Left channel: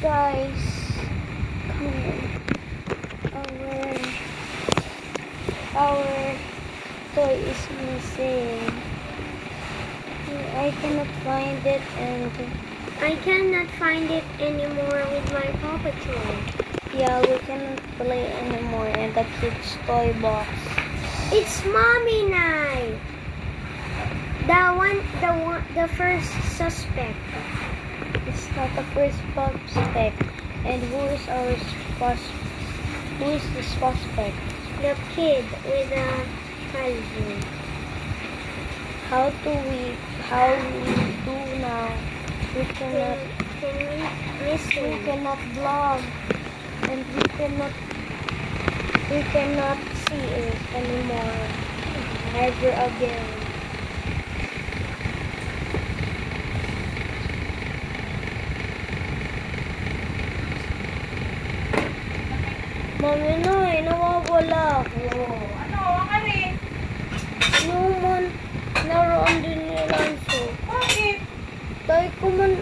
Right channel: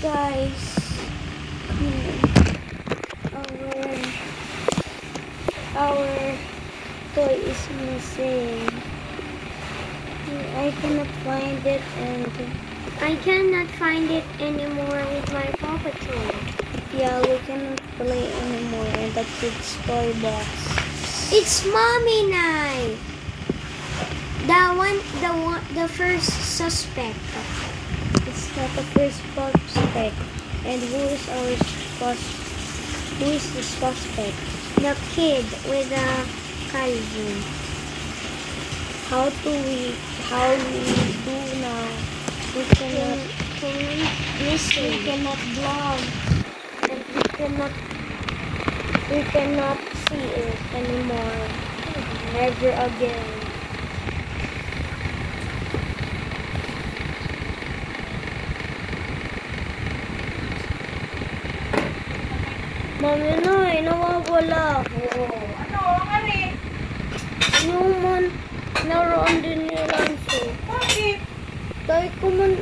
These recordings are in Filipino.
Guys, come on. Our toy is missing. I cannot find it, and I cannot find it anymore with my Paw Patrol. yeah, we cannot play anymore in the kids' toy box. It's Mommy Night. The first suspect. It's not the first suspect. And who is the suspect? The kid with a cousin. How do we do now? We cannot Listen. we cannot vlog, and we cannot see it anymore. Never again. Mami na, nawawala ako. Ano? Ano? Yung naroon din ni Lanso. Bakit? Dahil ko man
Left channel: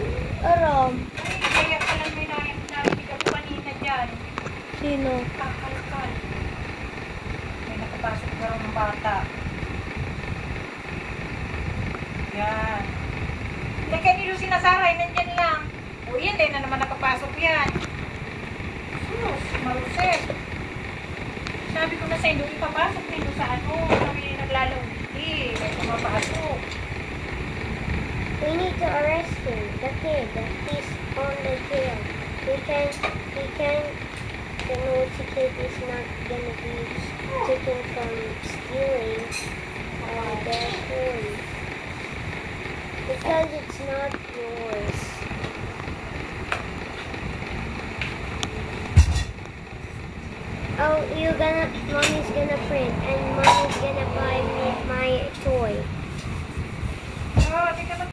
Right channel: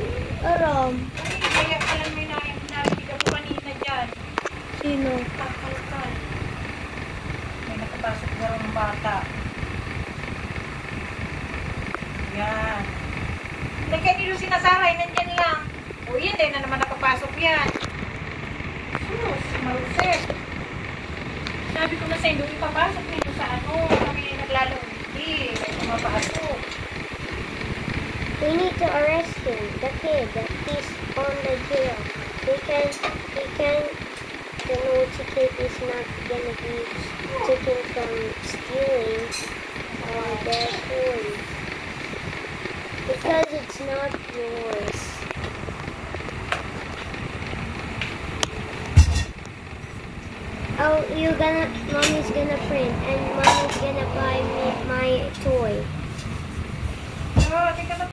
aram. Kaya pala may nabiga ko kanina dyan. Sino? Kakalkal. May nakapasok na rin ng bata. Yan. Hindi kayo nilo sinasaray, nandyan lang. O yan, dahil na naman nakapasok yan. Sus, maruset. Sabi ko na sa inyo, ipapasok nito sa ano, kami naglalawiti. May pumapasok. We need to arrest him, the kid. He's on the jail. The naughty kid is not gonna be taken from stealing their toys. Because it's not yours. Oh, you're gonna,